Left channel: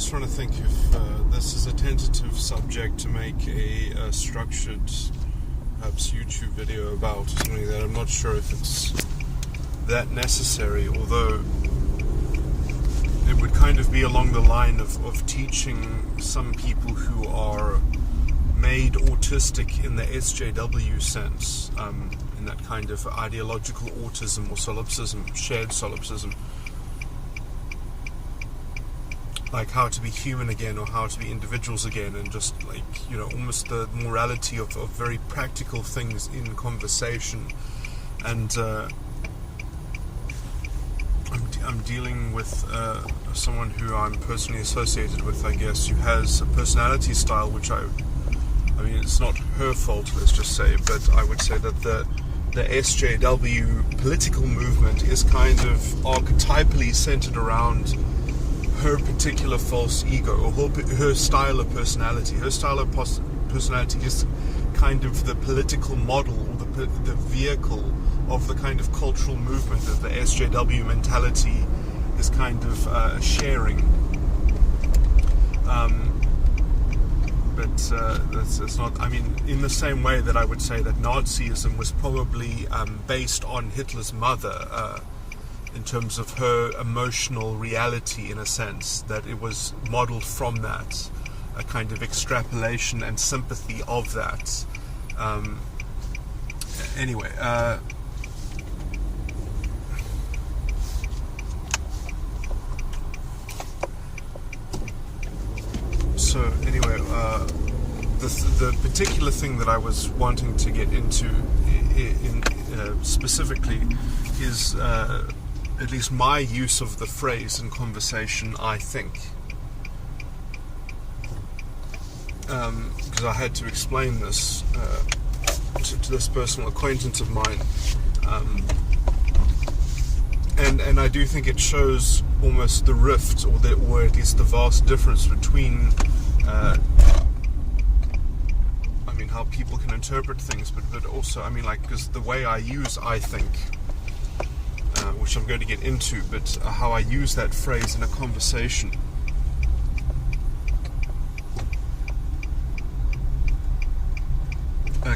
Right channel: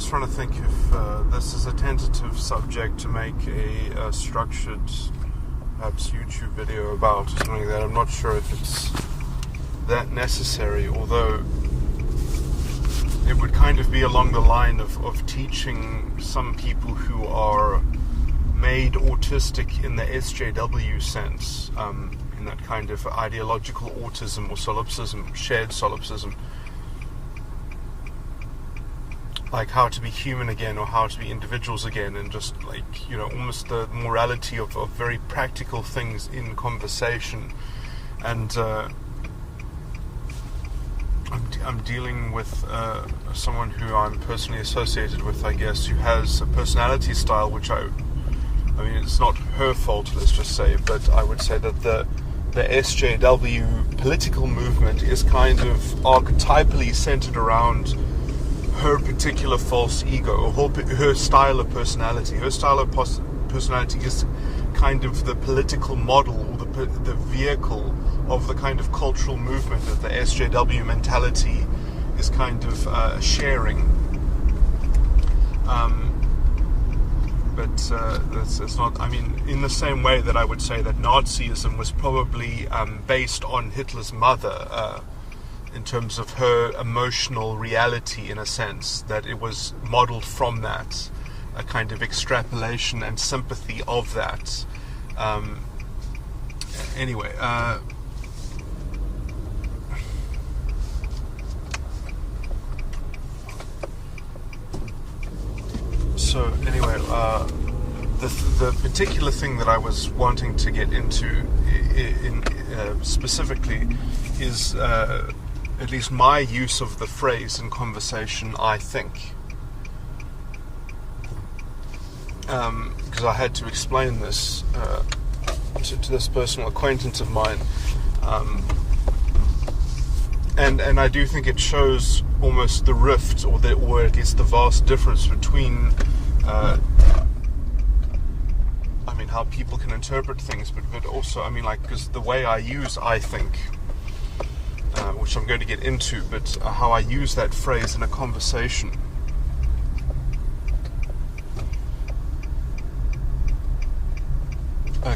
just trying to think if this is a tentative subject to make a structured, perhaps YouTube video about or something like that. I'm not sure if it's that necessary, although it would kind of be along the line of teaching some people who are made autistic in the SJW sense, in that kind of ideological autism or solipsism, shared solipsism, like how to be human again or how to be individuals again, and just like, you know, almost the morality of very practical things in conversation. And I'm dealing with someone who I'm personally associated with, I guess, who has a personality style which I mean, it's not her fault, let's just say, but I would say that the SJW political movement is kind of archetypally centered around her particular false ego, or her style of personality. Her style of personality is kind of the political model, or the vehicle of the kind of cultural movement that the SJW mentality is kind of sharing. But that's not, I mean, in the same way that I would say that Nazism was probably based on Hitler's mother, in terms of her emotional reality, in a sense, that it was modeled from that, a kind of extrapolation and sympathy of that. Anyway, so anyway, the particular thing that I was wanting to get into specifically is at least my use of the phrase in conversation, I think. Because I had to explain this to this personal acquaintance of mine. And I do think it shows almost the rift, or at least the vast difference between I mean, how people can interpret things, but also, I mean, like, because the way I use I think, which I'm going to get into, but how I use that phrase in a conversation.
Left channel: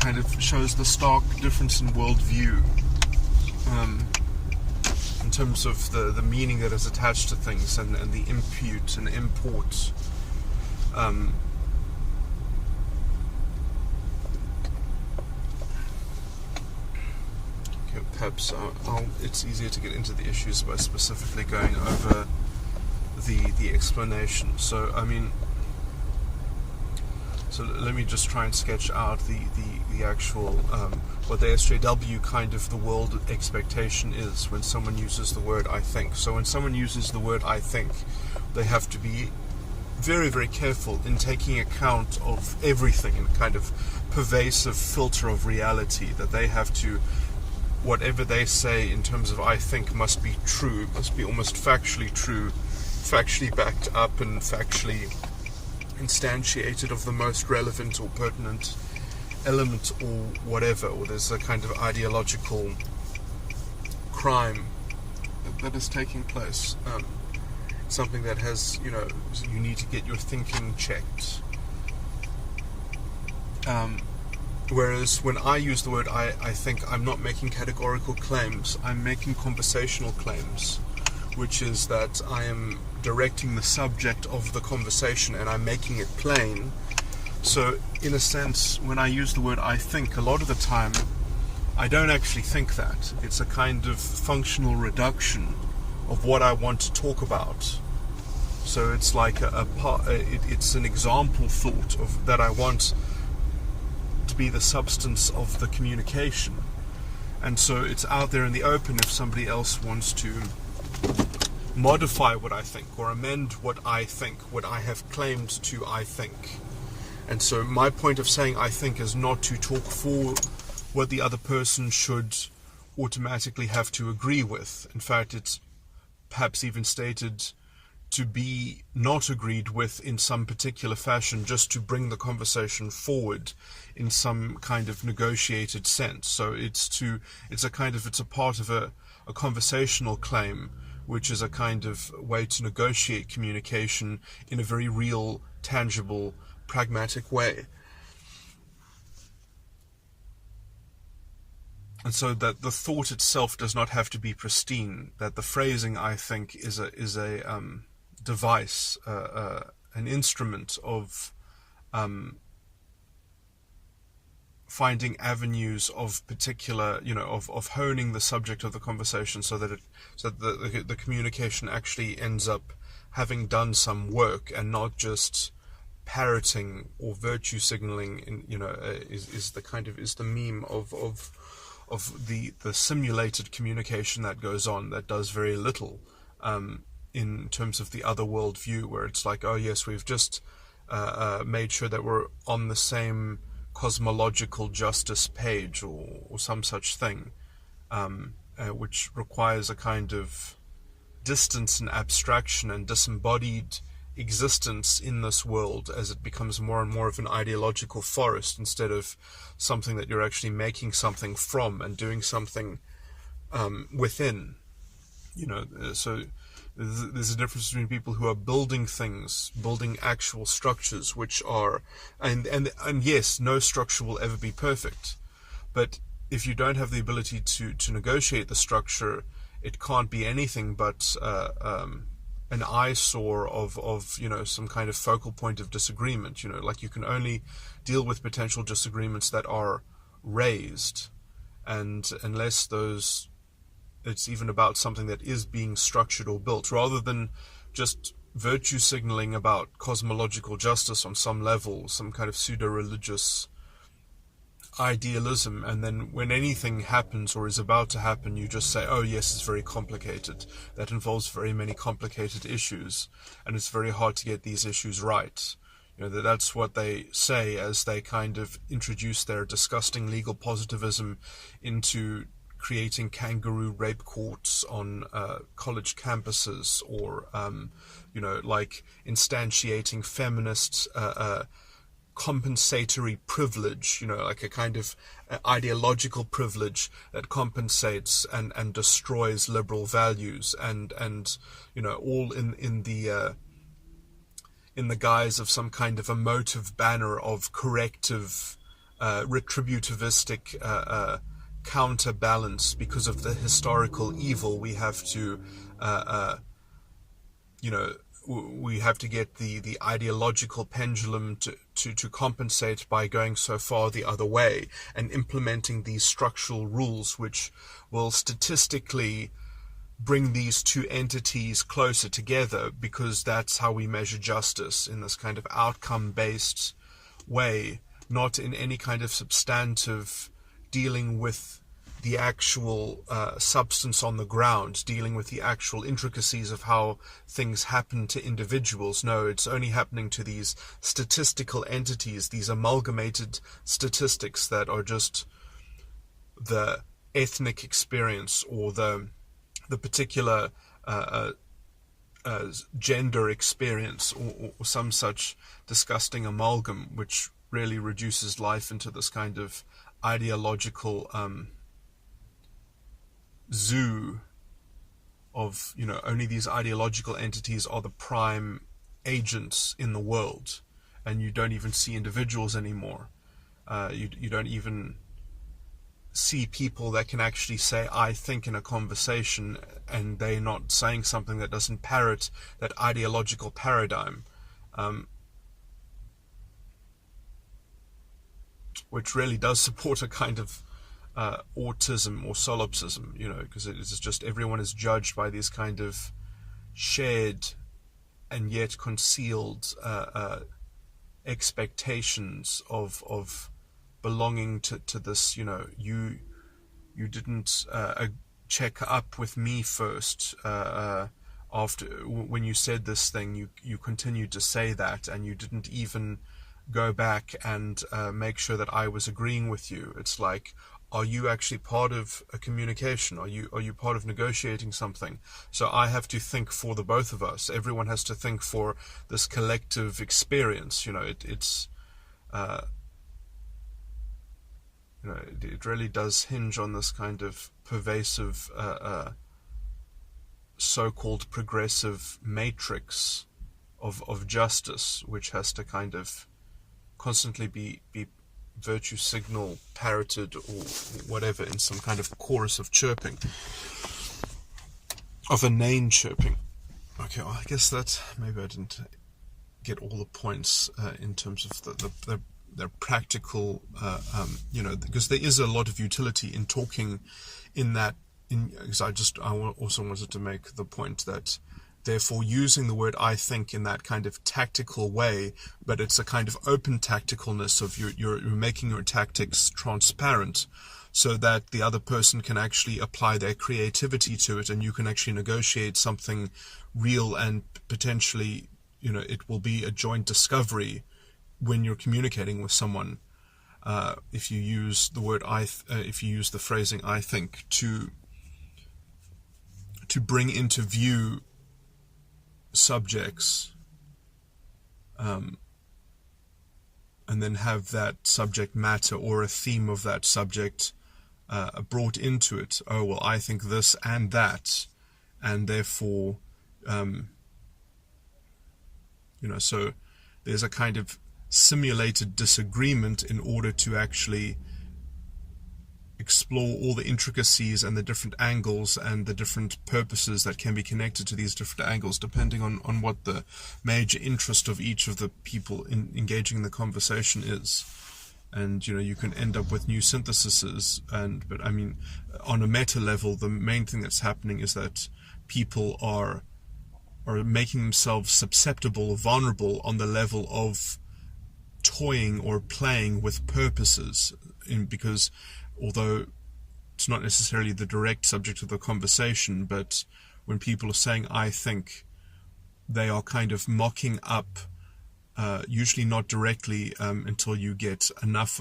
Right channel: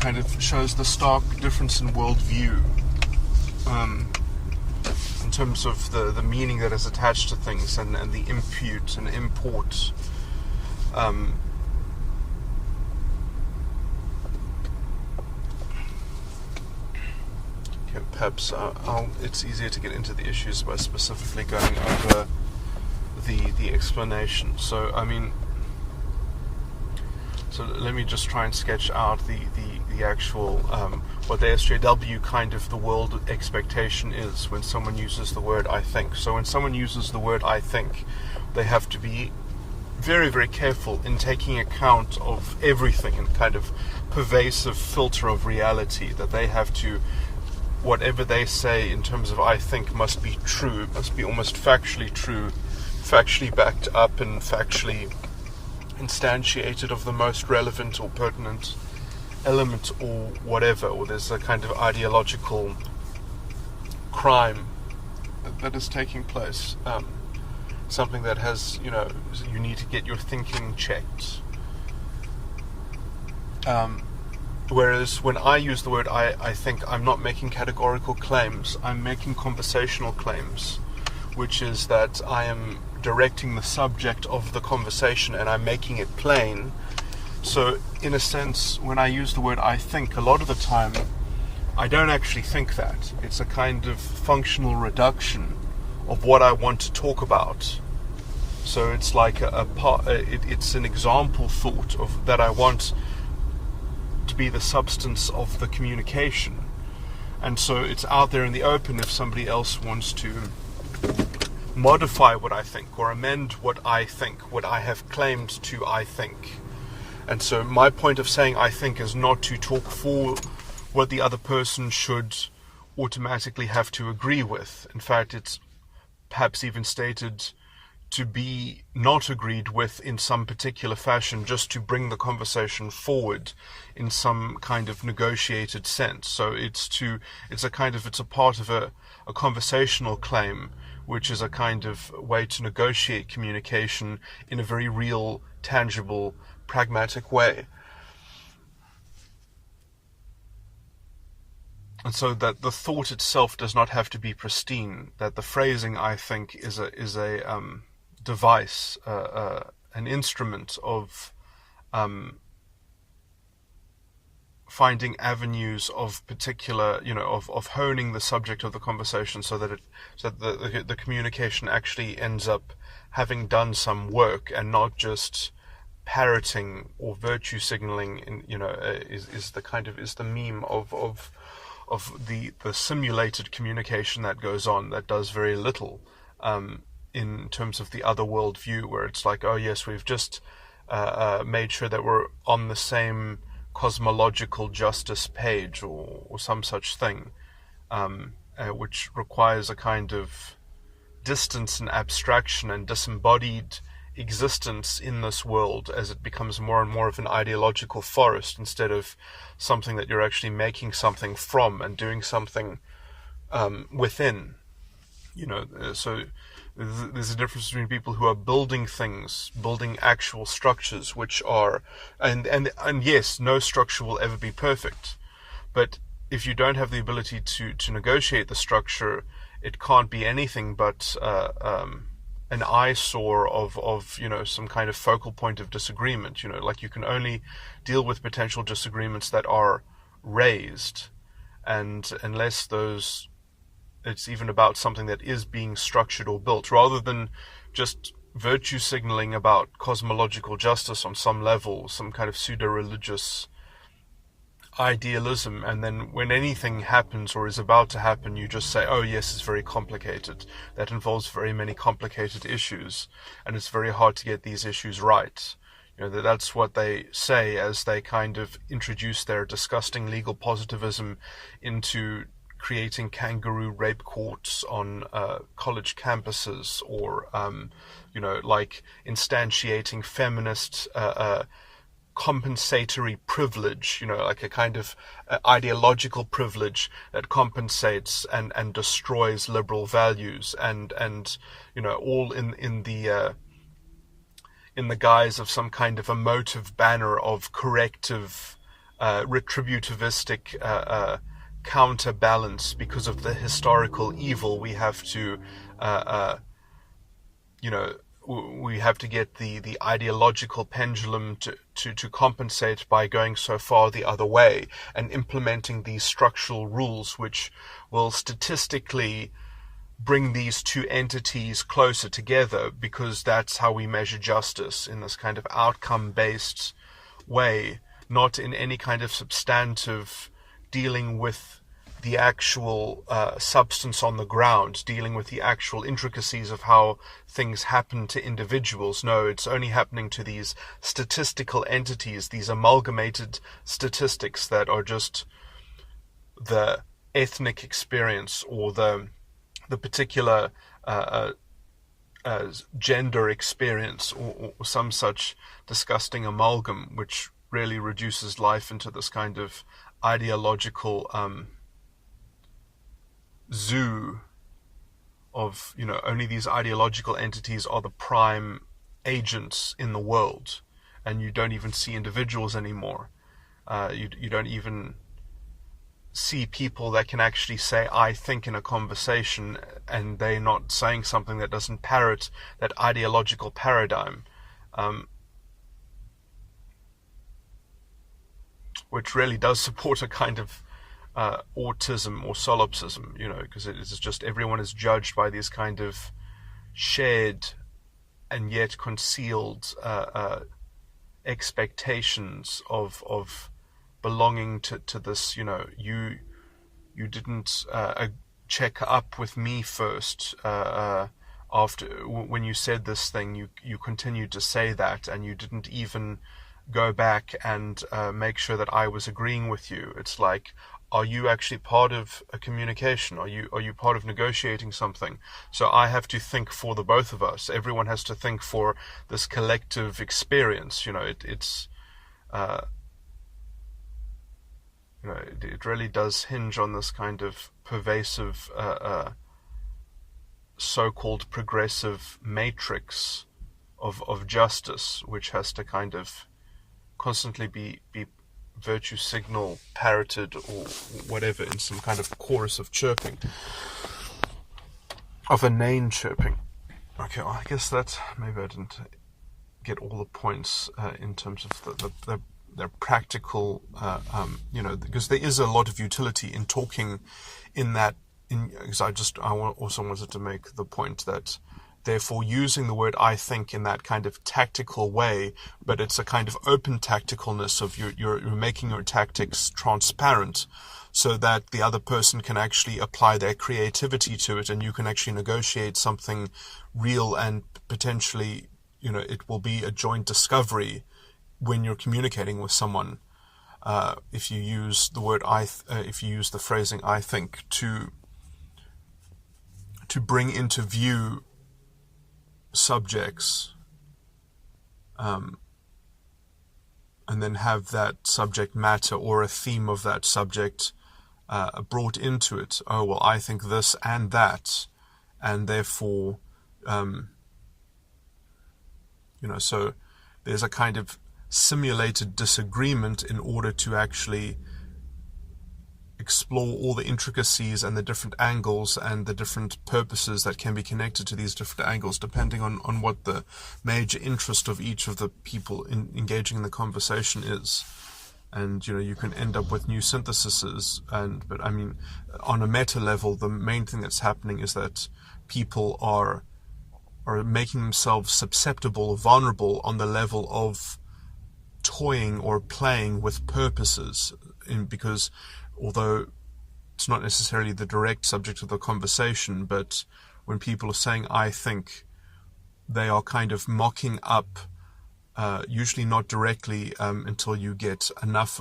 Kind of shows the stark difference in worldview, in terms of the meaning that is attached to things, and the impute and import. Perhaps it's easier to get into the issues by specifically going over the explanation. So, I mean, so let me just try and sketch out the actual, what the SJW kind of the world expectation is when someone uses the word I think. So when someone uses the word I think, they have to be very, very careful in taking account of everything, and kind of pervasive filter of reality, that they have to, whatever they say in terms of I think must be true, must be almost factually true, factually backed up, and factually instantiated of the most relevant or pertinent element or whatever, or there's a kind of ideological crime that is taking place, something that has, you know, you need to get your thinking checked. Whereas when I use the word I think, I'm not making categorical claims, I'm making conversational claims, which is that I am directing the subject of the conversation and I'm making it plain. So in a sense, when I use the word I think, a lot of the time I don't actually think that. It's a kind of functional reduction of what I want to talk about. So it's like it's an example thought of that I want to be the substance of the communication, and so it's out there in the open if somebody else wants to modify what I think or amend what I think, what I have claimed to I think. And so my point of saying I think is not to talk for what the other person should automatically have to agree with. In fact, it's perhaps even stated to be not agreed with in some particular fashion, just to bring the conversation forward in some kind of negotiated sense. So it's a part of a conversational claim which is a kind of way to negotiate communication in a very real, tangible, pragmatic way. And so that the thought itself does not have to be pristine, that the phrasing, I think, is a device, an instrument of finding avenues of particular, of honing the subject of the conversation, so that the communication actually ends up having done some work and not just parroting or virtue signaling. Is the meme of the simulated communication that goes on, that does very little in terms of the other world view, where it's like, oh yes, we've just made sure that we're on the same cosmological justice page, or some such thing, which requires a kind of distance and abstraction and disembodied existence in this world as it becomes more and more of an ideological forest, instead of something that you're actually making something from and doing something within. So there's a difference between people who are building things, building actual structures, which are, and yes, no structure will ever be perfect, but if you don't have the ability to negotiate the structure, it can't be anything but an eyesore of some kind of focal point of disagreement. Like, you can only deal with potential disagreements that are raised, and unless it's even about something that is being structured or built, rather than just virtue signaling about cosmological justice on some level, some kind of pseudo-religious idealism, and then when anything happens or is about to happen, you just say, oh yes, it's very complicated. That involves very many complicated issues, and it's very hard to get these issues right. That's what they say as they kind of introduce their disgusting legal positivism into creating kangaroo rape courts on college campuses, or like instantiating feminist compensatory privilege, like a kind of ideological privilege that compensates and destroys liberal values, and all in the guise of some kind of emotive banner of corrective, retributivistic counterbalance because of the historical evil. We have to we have to get the ideological pendulum to compensate by going so far the other way, and implementing these structural rules which will statistically bring these two entities closer together, because that's how we measure justice, in this kind of outcome-based way, not in any kind of substantive dealing with the actual substance on the ground, dealing with the actual intricacies of how things happen to individuals. No, it's only happening to these statistical entities, these amalgamated statistics that are just the ethnic experience, or the particular gender experience, or some such disgusting amalgam, which really reduces life into this kind of ideological zoo of, only these ideological entities are the prime agents in the world, and you don't even see individuals anymore. You don't even see people that can actually say I think in a conversation, and they're not saying something that doesn't parrot that ideological paradigm, which really does support a kind of autism or solipsism, because it's just everyone is judged by these kind of shared and yet concealed expectations of belonging to this. You didn't check up with me first after when you said this thing. You continued to say that, and you didn't even go back and make sure that I was agreeing with you. It's like, are you actually part of a communication? Are you part of negotiating something? So I have to think for the both of us. Everyone has to think for this collective experience. It really does hinge on this kind of pervasive so-called progressive matrix of justice, which has to kind of constantly be virtue signal parroted or whatever in some kind of chorus of chirping, of inane chirping. Okay, well, I guess that maybe I didn't get all the points in terms of the practical, because there is a lot of utility in talking in that. Because I also wanted to make the point that, therefore, using the word "I think" in that kind of tactical way, but it's a kind of open tacticalness of you're making your tactics transparent, so that the other person can actually apply their creativity to it, and you can actually negotiate something real, and potentially, it will be a joint discovery when you're communicating with someone. If you use the word if you use the phrasing "I think" to bring into view subjects, and then have that subject matter or a theme of that subject brought into it. Oh, well, I think this and that, and therefore, so there's a kind of simulated disagreement in order to actually explore all the intricacies and the different angles and the different purposes that can be connected to these different angles, depending on what the major interest of each of the people engaging in the conversation is. And you can end up with new syntheses. But I mean, on a meta level, the main thing that's happening is that people are making themselves susceptible or vulnerable on the level of toying or playing with purposes, because although it's not necessarily the direct subject of the conversation, but when people are saying "I think," they are kind of mocking up, usually not directly, until you get enough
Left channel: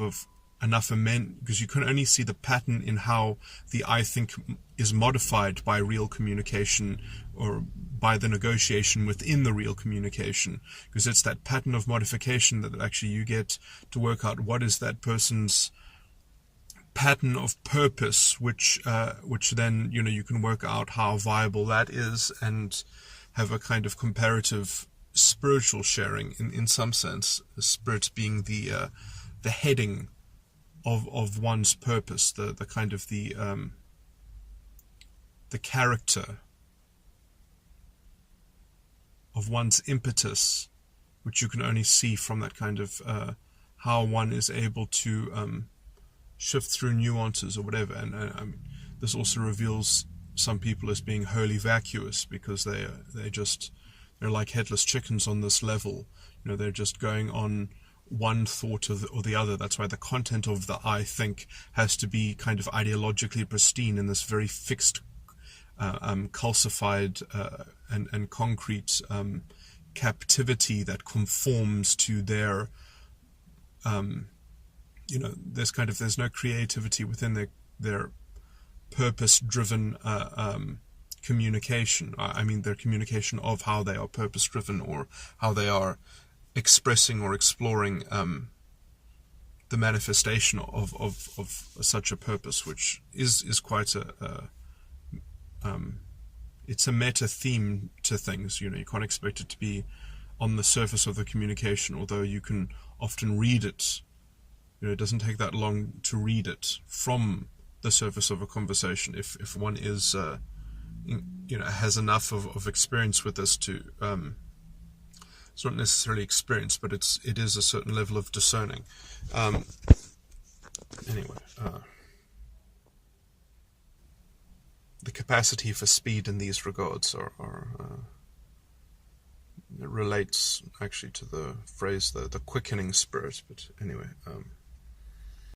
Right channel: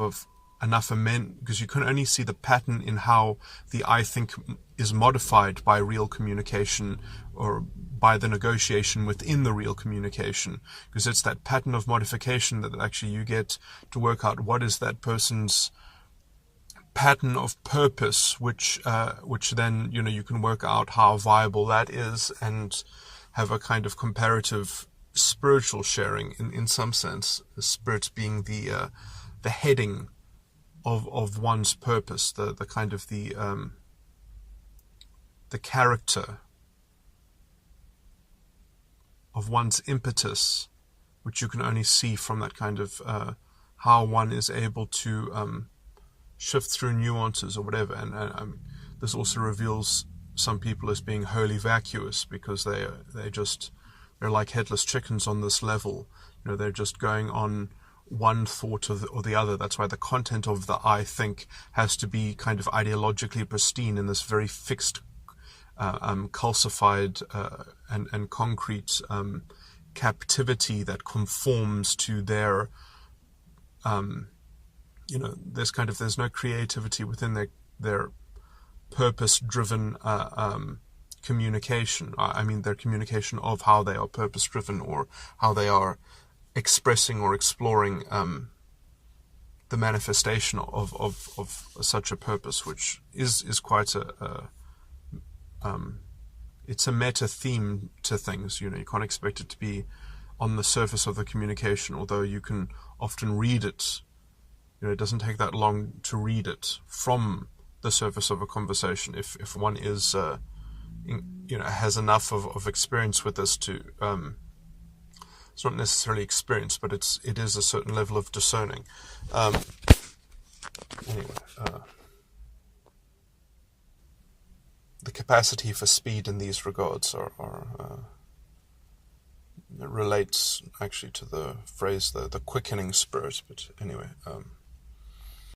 men, because you can only see the pattern in how the "I think" is modified by real communication or by the negotiation within the real communication, because it's that pattern of modification that actually you get to work out what is that person's pattern of purpose, which then you can work out how viable that is and have a kind of comparative spiritual sharing in some sense. The spirit being the heading of one's purpose, the kind of the character of one's impetus, which you can only see from that kind of how one is able to shift through nuances or whatever. And I mean, this also reveals some people as being wholly vacuous, because they're like headless chickens on this level. They're just going on one thought or the other. That's why the content of the "I think" has to be kind of ideologically pristine in this very fixed, calcified and concrete captivity that conforms to their there's no creativity within their purpose-driven communication. I mean, their communication of how they are purpose-driven, or how they are expressing or exploring the manifestation of such a purpose, which is quite it's a meta theme to things. You can't expect it to be on the surface of the communication, although you can often read it. It doesn't take that long to read it from the surface of a conversation if one is has enough of experience with this to it's not necessarily experience, but it is a certain level of discerning. The capacity for speed in these regards it relates actually to the phrase the quickening spirit. But anyway.